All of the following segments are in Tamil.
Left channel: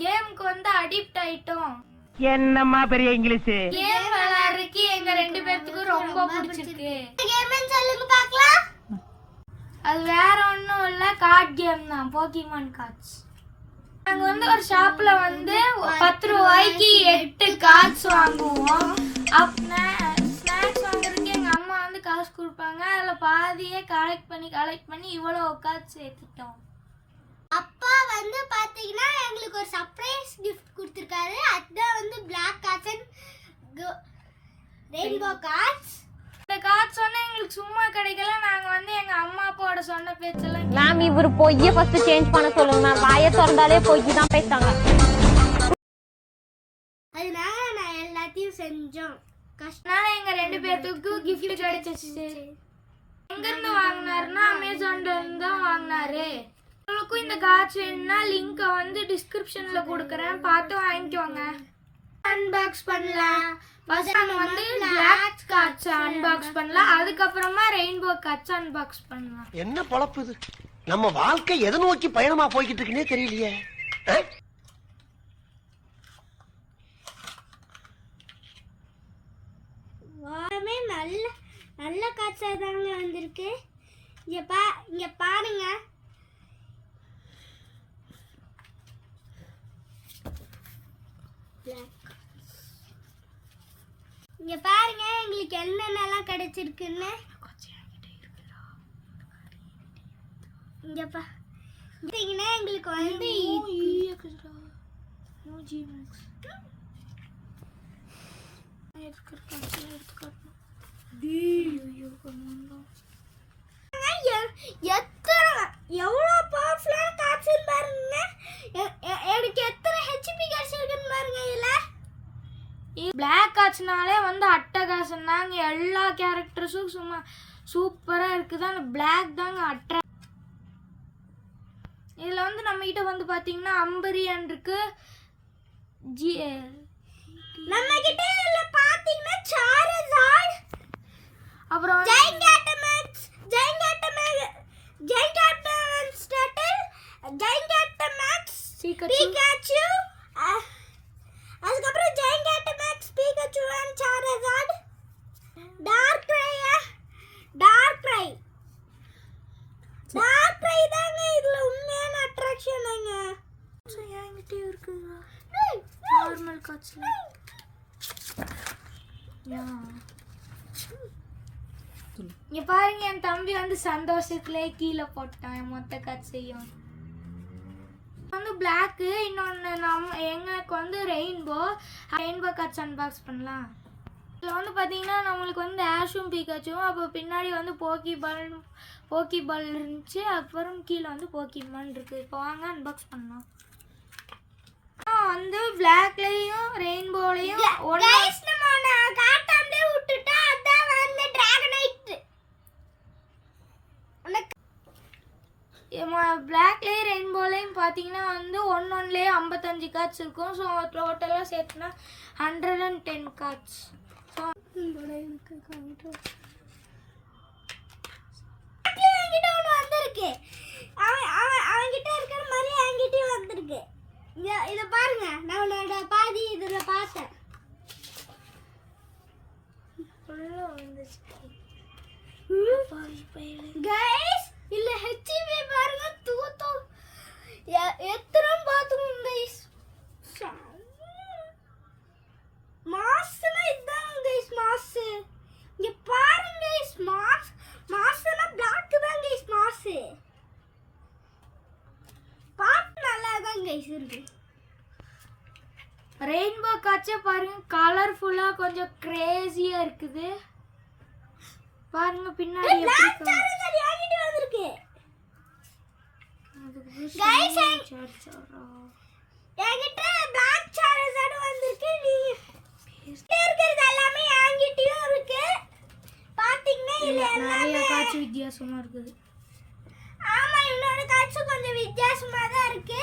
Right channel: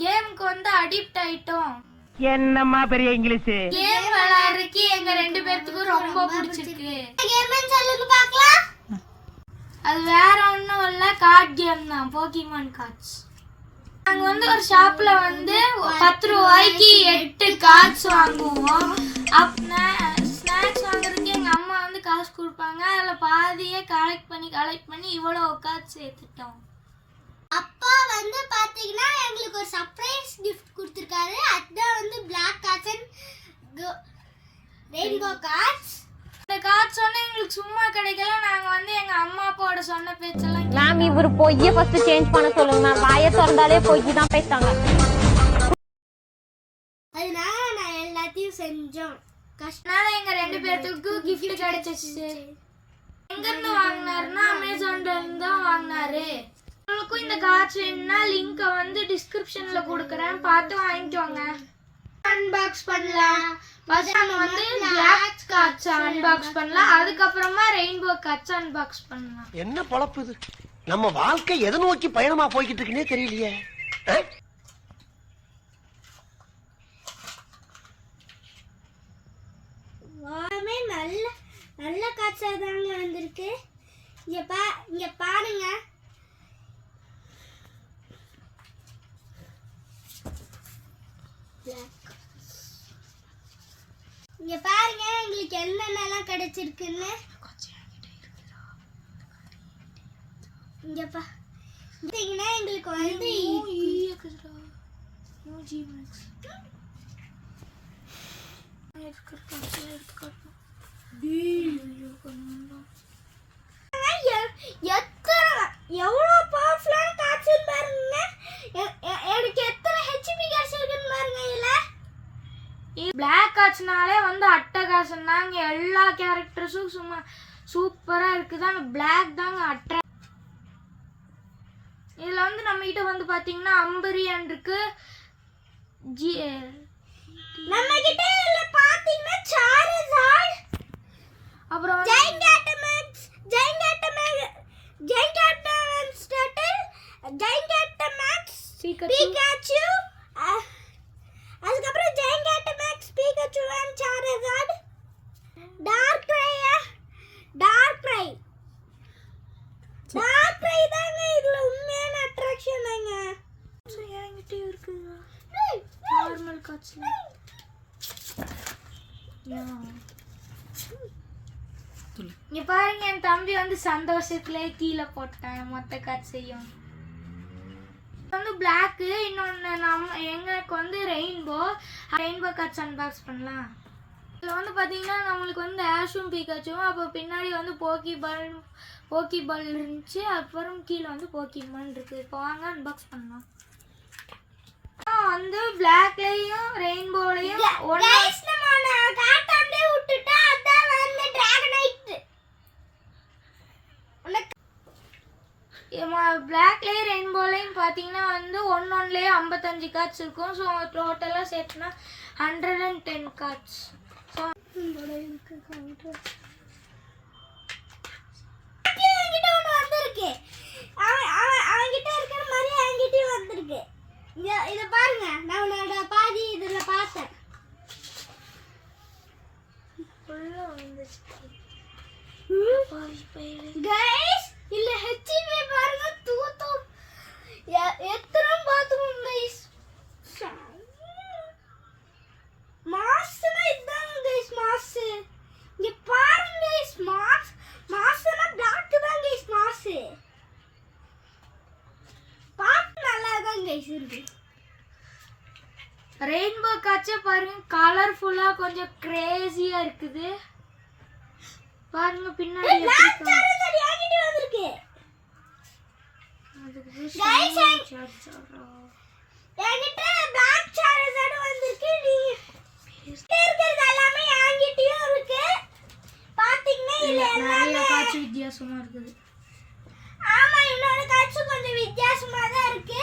கேமுக்கு வந்து அடிக்ட் ஆயிட்டோம். என்னம்மா பெரிய இங்கிலீஷ்? கேம் விளையாடுறதுக்கு எங்க ரெண்டு பேர்த்துக்கும் ரொம்ப பிடிச்சிருக்கு. கேம்னு சொல்லுங்க பார்க்கலாம். அது வேற ஒன்றும் இல்லை கார்ட் கேம் தான் போக்கிமான் கார்ட்ஸ் நாங்கள் வந்து ஒரு ஷாப்ல வந்து பத்து ரூபாய்க்கு எட்டு கார்ட்ஸ் வாங்குவோம். அப் ஸ்நாக்ஸ் வாங்குறதுக்கு எங்கள் அம்மா வந்து காசு கொடுப்பாங்க. அதில் பாதியே கலெக்ட் பண்ணி கலெக்ட் பண்ணி இவ்வளோ கார்ட்ஸ் சேர்த்துட்டோம். வந்து பாத்தீங்கன்னா எங்களுக்கு ஒரு சர்ப்ரைஸ் கிஃப்ட் கொடுத்துருக்காரு. அதுதான் வந்து black cards and rainbow cards இந்த கார்ட்ஸ் வந்து எங்களுக்கு சும்மா கிடைக்கல. நாங்கள் வந்து எங்கள் அம்மா அப்பாவோட சொன்ன பேச்செல்லாம் மேம் இவர் பொய்ய ஃபர்ஸ்ட் சேஞ்ச் பண்ண சொல்லுங்க மேம் வாயை திறந்தாலே பொய் தான் பேசுறாங்க. அதனால நான் எல்லாத்தையும் செஞ்சோம். கஷ்டம் அதனால எங்க ரெண்டு பேர்த்துக்கு gift கிடைச்சிச்சு. எங்க இருந்து வாங்கினாருன்னா அமேசான்ல இருந்து தான் வாங்கினாரு. உங்களுக்கும் இந்த கார்ட்ஸ் வேணும்னா லிங்கை வந்து டிஸ்கிரிப்ஷன்ல கொடுக்குறேன். பார்த்து வாங்கிக்கோங்க. அன்பாக்ஸ் பண்ணலாம். ஃபர்ஸ்ட் நம்ம வந்து பிளாக் கார்ட்ஸ் அன்பாக்ஸ் பண்ணலாம். அதுக்கப்புறமா ரெயின்போ கார்ட்ஸ் அன்பாக்ஸ் பண்ணலாம். என்ன பொழப்பு இது? நம்ம வாழ்க்கை எதை நோக்கி பயணமா போய்கிட்டு இருக்குன்னே தெரியலையே? எல்லாமே நல்ல நல்ல காய்ச்சல் தாங்க வந்திருக்கு. இங்க பா இங்க பாருங்க. இங்க பாருங்க எங்களுக்கு என்னென்னலாம் கிடைச்சிருக்குன்னு. இங்க பா எங்களுக்கு வந்து எ- எத்தனை எவ்வளோ பவர்ஃபுல்லான காய்ச்சல் பாருங்க எ- எ- எனக்கு எத்தனை ஹெச்பி கிடைச்சிருக்குன்னு பாருங்க இதில் பிளாக் கார்ட்ஸ்னாலே வந்து அட்டகாசம் தாங்க. எல்லா கேரக்டர்ஸும் சும்மா சூப்பரா இருக்குது. அந்த பிளாக் தாங்க அட்ரா இதுல வந்து நம்ம கிட்ட வந்து பாத்தீங்கன்னா அம்பரியன் இருக்கு. ஜி நம்ம கிட்ட இல்ல பாத்தீங்கன்னா சாரசாட் அப்புறம் வந்து ஜெயங்காட்டமேக்ஸ் ஜெயங்காட்டமேக்ஸ் ஜெயங்காட்டமேக்ஸ் டட்டல் ஜெயங்காட்டமேக்ஸ் Pikachu. பிகாச்சு அதுக்கப்புறம் ஜெயங்காட்டமேக்ஸ் பிகாச்சு அண்ட் சாரசாட் டார்க் ரையா டார்க் ரை டார்க் ரை தாங்க இதுல உண்மையான அட்ராக்ஷனுங்க என்கிட்டயும் இருக்குங்க கார்ட்ஸ்ல இங்க பாருங்க என் தம்பி வந்து சந்தோஷத்திலே கீழே போட்டேன் மொத்த காட்சையும் வந்து பிளாக்கு இன்னொன்று நம்ம எங்களுக்கு வந்து ரெயின்போ ரெயின்போ கார்ட்ஸ் அன்பாக்ஸ் பண்ணலாம். இதில் வந்து பார்த்தீங்கன்னா நம்மளுக்கு வந்து ஆஷும் பீக்காச்சும் அப்போ பின்னாடி வந்து போக்கி பால் போக்கி பால் இருந்துச்சு அப்புறம் கீழே வந்து போக்கிமான் இருக்கு. இப்போ வாங்க அன்பாக்ஸ் பண்ணலாம். வந்து பிளாக்லையும் ரெயின்போலையும் கைஸ் நம்ம நான் காட்டாமலே விட்டுட்டா அதான் வந்து டிராகனைட் பிளாக்லேயும் ரெயின்போலையும் பார்த்தீங்கன்னா வந்து ஒன்று ஒன்றுலேயே ஐம்பத்தஞ்சு கார்ட்ஸ் இருக்கும். ஸோ டோட்டலாக சேர்த்துனா hundred and ten cards so ஒன்று வந்திருக்கு அவன் அவன் அவன்கிட்ட இருக்கிற மாதிரி என்கிட்டயும் வந்திருக்கு. இதை பாருங்க. நான் உன்னோட பாதி இதில் பார்த்தேன். கைஸ் இல்ல ஹெச்பி பாருங்க தூத்தம். எ- எத்தனை பாத்ரூம் கைஸ் மாஸ்னா இதான் கைஸ் மாஸ் இங்க பாருங்க கைஸ் மாஸ் மாஸ்னா பிளாக் தான் கைஸ் மாஸ் பார்த்து இருக்கு. ரெயின்போ காட்சே பாருங்க கலர்ஃபுல்லாக கொஞ்சம் கிரேசியாக இருக்குது. பாருங்க பின்னாடி என்கிட்ட பிளாக் வந்திருக்கு நீ இருக்கிறது எல்லாமே என்கிட்டயும் இருக்கு. பாத்தீங்கன்னா இதுல எல்லாமே வித்தியாசமா இருக்குது ஆமா என்னோட காட்சி கொஞ்சம் வித்தியாசமா தான் இருக்கு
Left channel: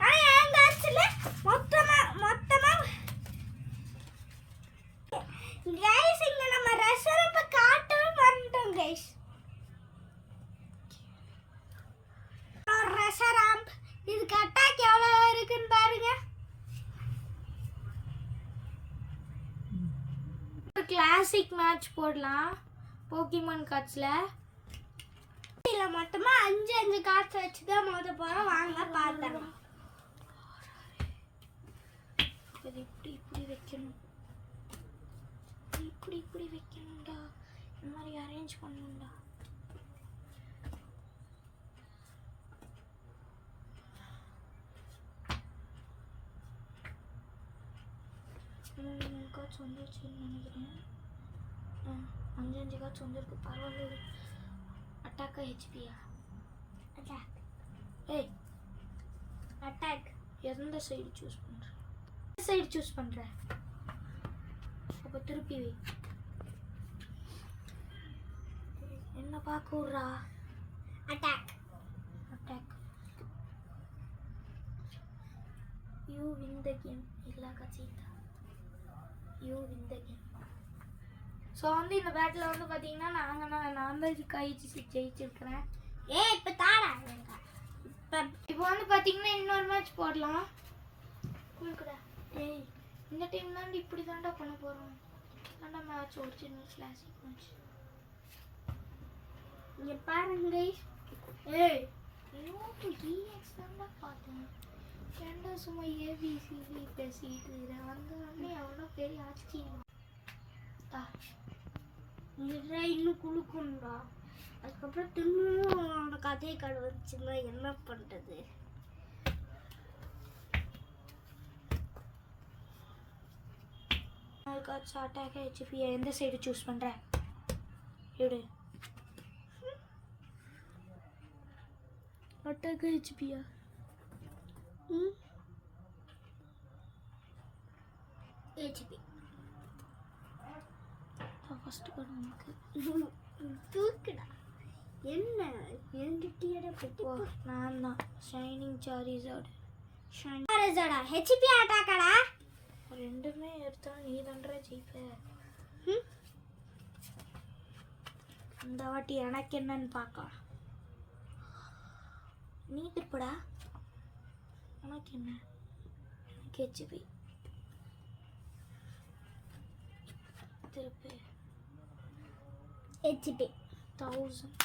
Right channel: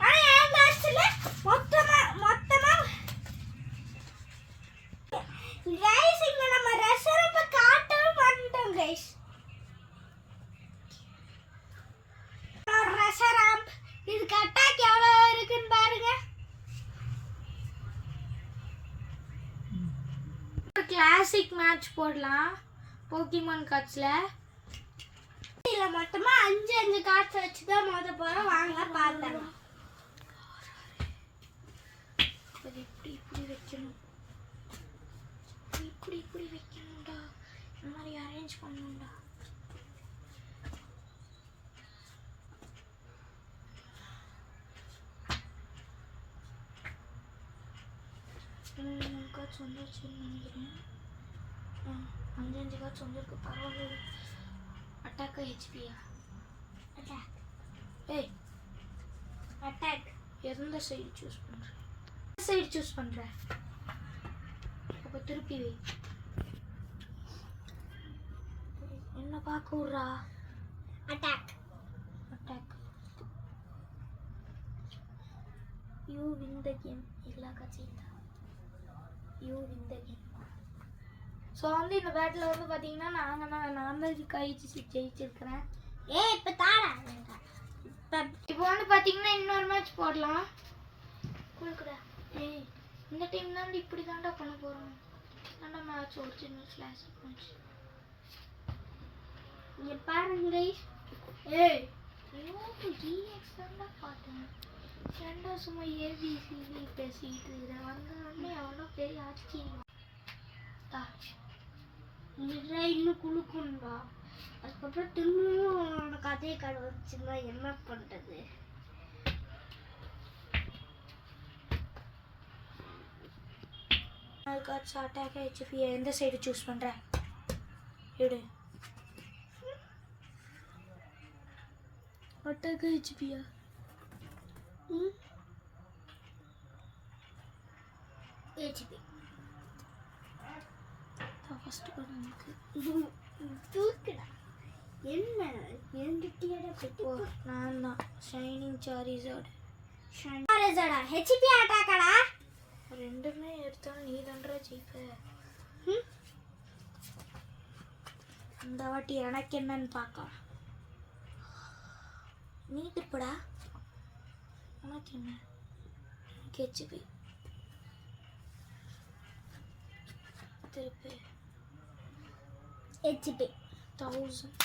ஆனா என் காட்சியில மொத்தமா மொத்தமா கைஸ் இங்க நம்ம ரெஸ்டாரண்ட் காட்டவே பண்ணிட்டோம் கைஸ் ரெஸ்டாரண்ட் இதுக்கு அட்டாக் எவ்வளவு இருக்குன்னு பாருங்க கிளாசிக் மேட்ச் போடலாம். போக்கிமான் கார்ட்ஸில் இதில் மொத்தமாக அஞ்சு அஞ்சு கார்ட்ஸ் வச்சு தான் மொத போகிறோம் வாங்க பார்த்தேன் அது இப்படி இப்படி வைக்கணும். இப்படி இப்படி வைக்கணும்டா. இந்த மாதிரி அரேஞ்ச் பண்ணணும்டா. மூணு கார்ட்ஸ் வந்துருச்சுன்னு நினைக்கிறேன். அஞ்சு அஞ்சு கார்ட்ஸ் வந்திருக்கு பரவாயில்ல அட்டாக்கா ஹெச்பியா அட்டாக் ஏய் அட்டாக் எந்த சைடு சூஸ் பண்ணுற சைடு சூஸ் பண்ணுற அப்போ திருப்பி வை என்ன பார்க்க விட்றா attack attack you win the game இல்லா கச்சிட்டா you win the game so வந்து இந்த பேட்டில் வந்து பார்த்தீங்கன்னா நாங்கள் நான் நான் கழிச்சு ஜெயிச்சிருக்கிறேன். ஏ இப்போ தாடா இப்போ இப்போ வந்து பார்த்தீங்கன்னா இன்னொரு மேட்ச் போடலாம். கொடுக்குறா. ஏய் இந்த டைம் தான் இப்படி தாண்டா பண்ண போகிறோம் தாண்டா மேட்ச் ஒரிஜினல் ஸ்லாஷ் மேட்ச் இங்கே பாருங்க guys. ஏய் டிஎக்ஸ் தாண்டா பார்த்தேன். ஏன்டா சும்மா ஏபிசிடி பேசிட்டு இதை வந்து அவ்வளோ எவ்வளோ பெரிய ஆச்சரியம். இன்னும் குளுக்கும்டா அதுக்கப்புறம் திரும்பவும் கதை கடை வந்துச்சுன்னா என்ன பண்ணுறது கார்ட்ஸ் அட்டாக் ஹெச்பி எந்த சைடு சூஸ் பண்ணுற எடு. அட்டாக் ஹெச்பியா ம்? ஹெச்பி ஃபஸ்ட்டு பண்ணுக்கு தூக்குடா. என்ன? பெட்டி ஓ நான் தான் ஷைனிங் சாரிசார்டு ஷாரேஜாடா ஹெச்பி அட்டாக்கடா ரெண்டுமே எடுத்தாலும் நீ தான்றா ஜெயிப்ப. இந்த வாட்டி எனக்கு என்னன்னு பார்க்கலாம் நீ திருப்படா உனக்கு என்ன? ஹெச்பி திருப்பு. ஹெச்பி தௌசண்ட்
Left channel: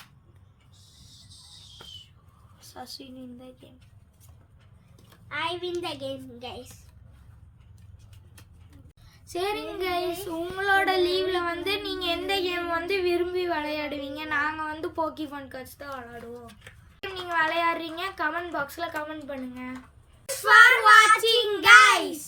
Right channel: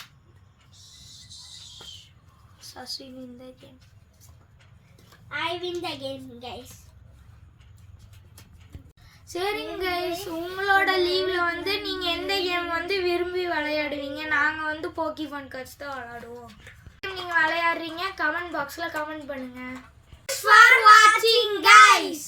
சசின் இந்த game I win the game guys சரிங்க கைஸ் உங்களோட லீவ்ல வந்து நீங்க எந்த கேம் வந்து விரும்பி விளையாடுவீங்க? நாங்க வந்து போக்கிமான் கார்ட்ஸ் தான் விளையாடுவோம். நீங்க விளையாடுறீங்க கமெண்ட் பாக்ஸ்ல கமெண்ட் பண்ணுங்க. ஃபார் வாட்சிங் கைஸ்